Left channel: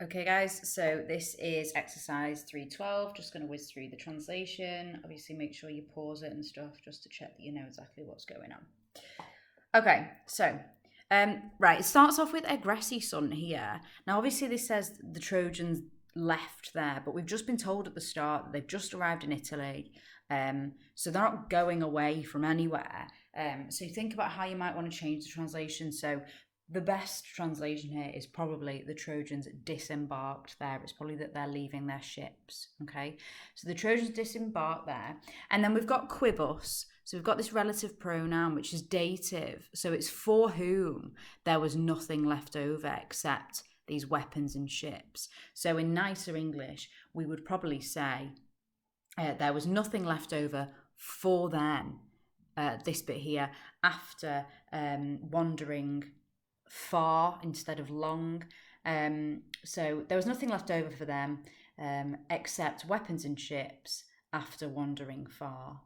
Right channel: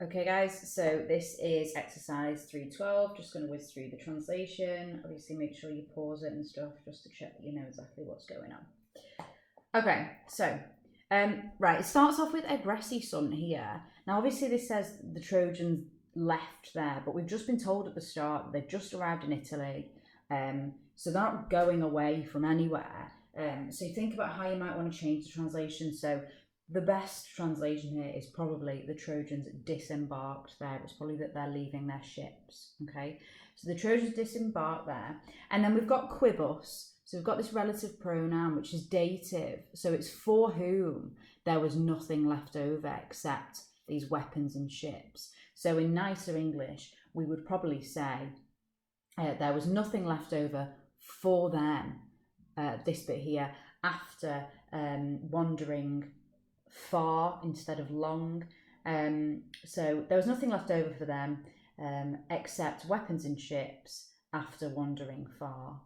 Okay, guys, so this is exercise 312. Just going to whiz through the translation. Obviously, make sure you pause it and stuff just to check that you know exactly what's going on. Okay, so, right, it starts off with Agressi son here. Now, obviously, this says the Trojans left there, but we've just been told at the start that they've just arrived in Italy. So they're not going away from anywhere. So you think about how you might want to change the translation. So the best translation here is probably the Trojans disembarked there. It's probably that they're leaving their ships. Okay, so the Trojans disembarked there, and then we've got quibus. So we've got this relative pronoun which is dative. So it's for whom there was nothing left over except these weapons and ships. So in nicer English, we would probably say there was nothing left over for them. This bit here, after wandering far instead of long. So there was nothing left over for them except weapons and ships after wandering far.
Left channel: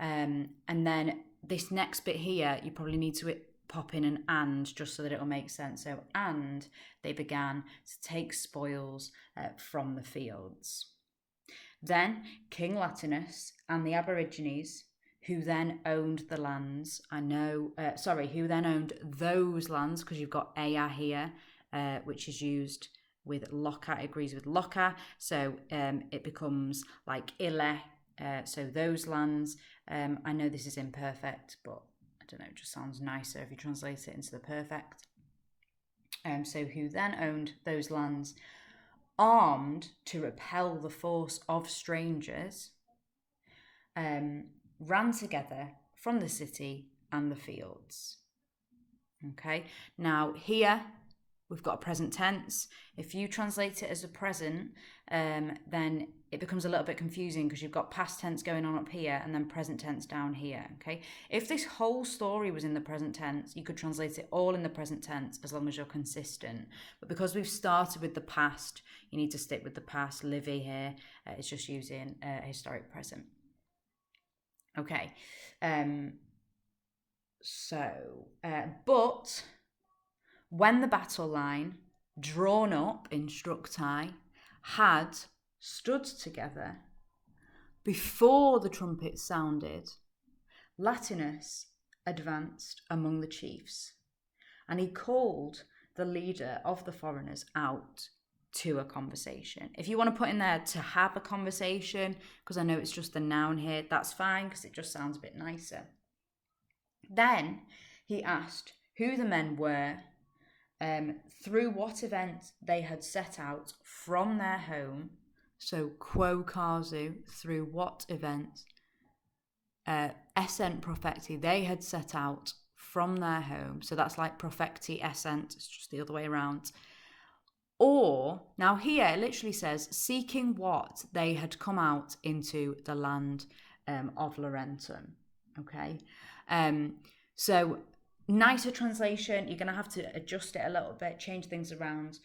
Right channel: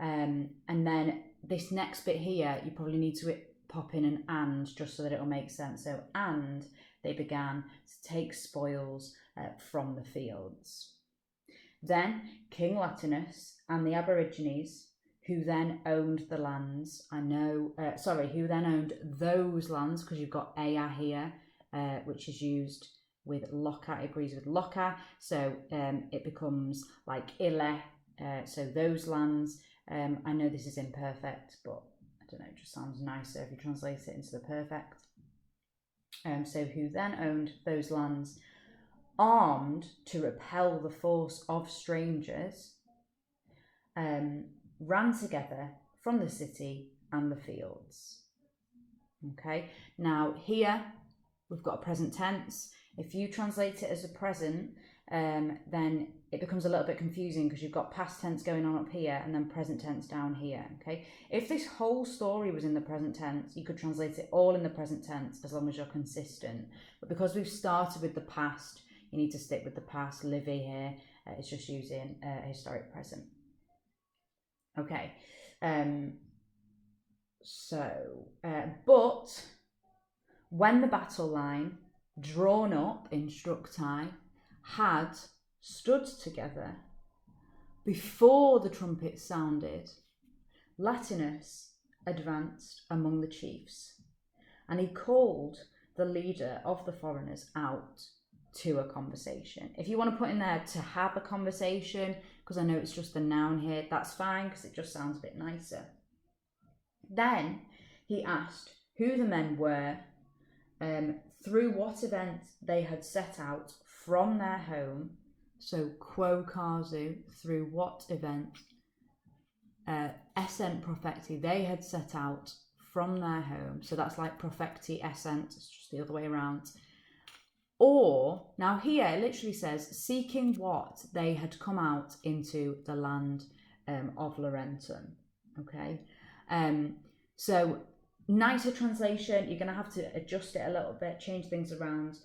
And then this next bit here, you probably need to pop in an and just so that it'll make sense. So, and they began to take spoils from the fields. Then King Latinus and the Aborigines, who then owned the lands, who then owned those lands, because you've got Ea here, which is used with loca, it agrees with loca, so it becomes like ille, so those lands. I know this is imperfect, but I don't know, it just sounds nicer if you translate it into the perfect. So who then owned those lands, armed to repel the force of strangers, ran together from the city and the fields. Okay, now here we've got a present tense. If you translate it as a present, then it becomes a little bit confusing because you've got past tense going on up here and then present tense down here. Okay, if this whole story was in the present tense, you could translate it all in the present tense as long as you're consistent. But because we've started with the past, you need to stick with the past. Livy here is just using historic present. Okay, but when the battle line drawn up in Structi had stood together before the trumpet sounded, Latinus advanced among the chiefs, and he called the leader of the foreigners out to a conversation. If you want to put in there to have a conversation, because I know it's just the noun here, that's fine because it just sounds a bit nicer. Then he asked who the men were, through what event they had set out from their home. So quo casu, through what event, essent profecti, they had set out from their home. So that's like profecti essent, it's just the other way around. Or, now here it literally says, seeking what they had come out into the land of Laurentum. Okay, so nicer translation, you're going to have to adjust it a little bit, change things around.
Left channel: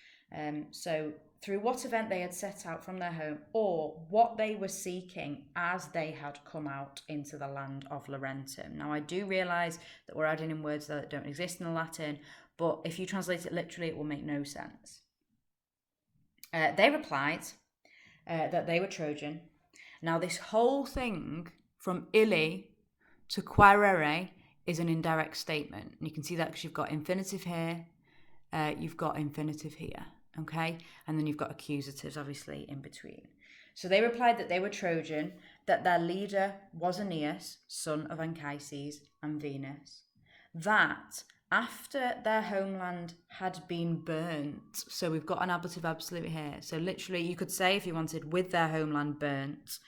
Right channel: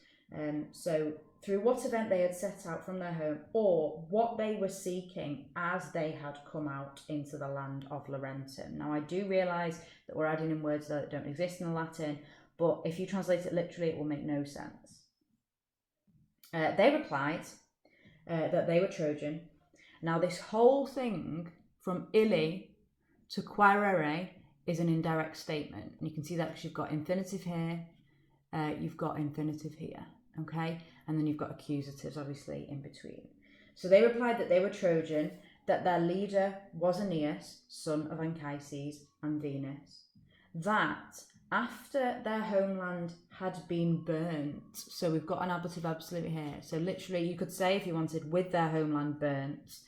So through what event they had set out from their home, or what they were seeking as they had come out into the land of Laurentum. Now I do realise that we're adding in words that don't exist in the Latin, but if you translate it literally, it will make no sense. They replied that they were Trojan. Now this whole thing from illi to quaerere is an indirect statement. And you can see that because you've got infinitive here, you've got infinitive here, okay? And then you've got accusatives, obviously, in between. So they replied that they were Trojan, that their leader was Aeneas, son of Anchises and Venus, that after their homeland had been burnt, so we've got an ablative absolute here. So literally, you could say, if you wanted, with their homeland burnt,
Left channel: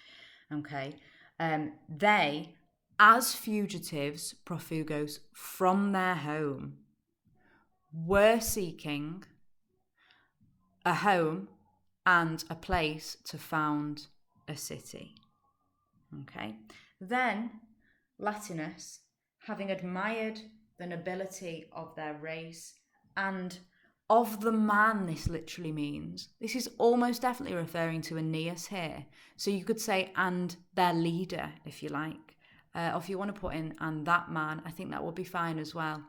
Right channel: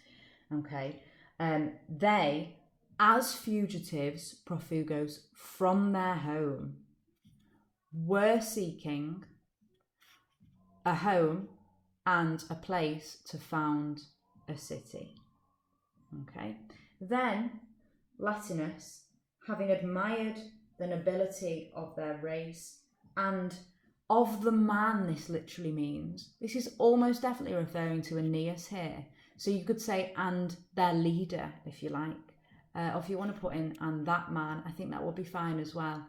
okay, they, as fugitives, profugos, from their home, were seeking a home and a place to found a city. Okay. Then Latinus, having admired the nobility of their race and of the man, this literally means, this is almost definitely referring to Aeneas here. So you could say, and their leader, if you like. Or if you want to put in, and that man, I think that will be fine as well.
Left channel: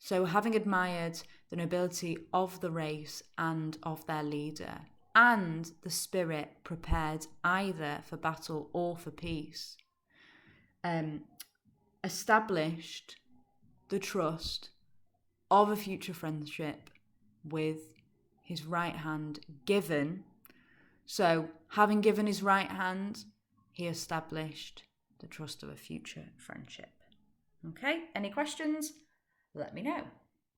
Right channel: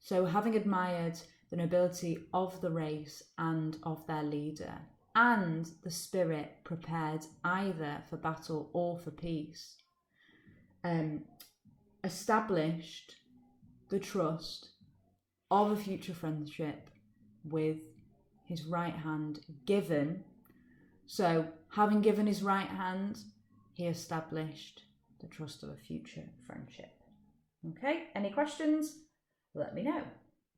So having admired the nobility of the race and of their leader, and the spirit prepared either for battle or for peace. Established the trust of a future friendship with his right hand given. So, having given his right hand, he established the trust of a future friendship. Okay, any questions? Let me know.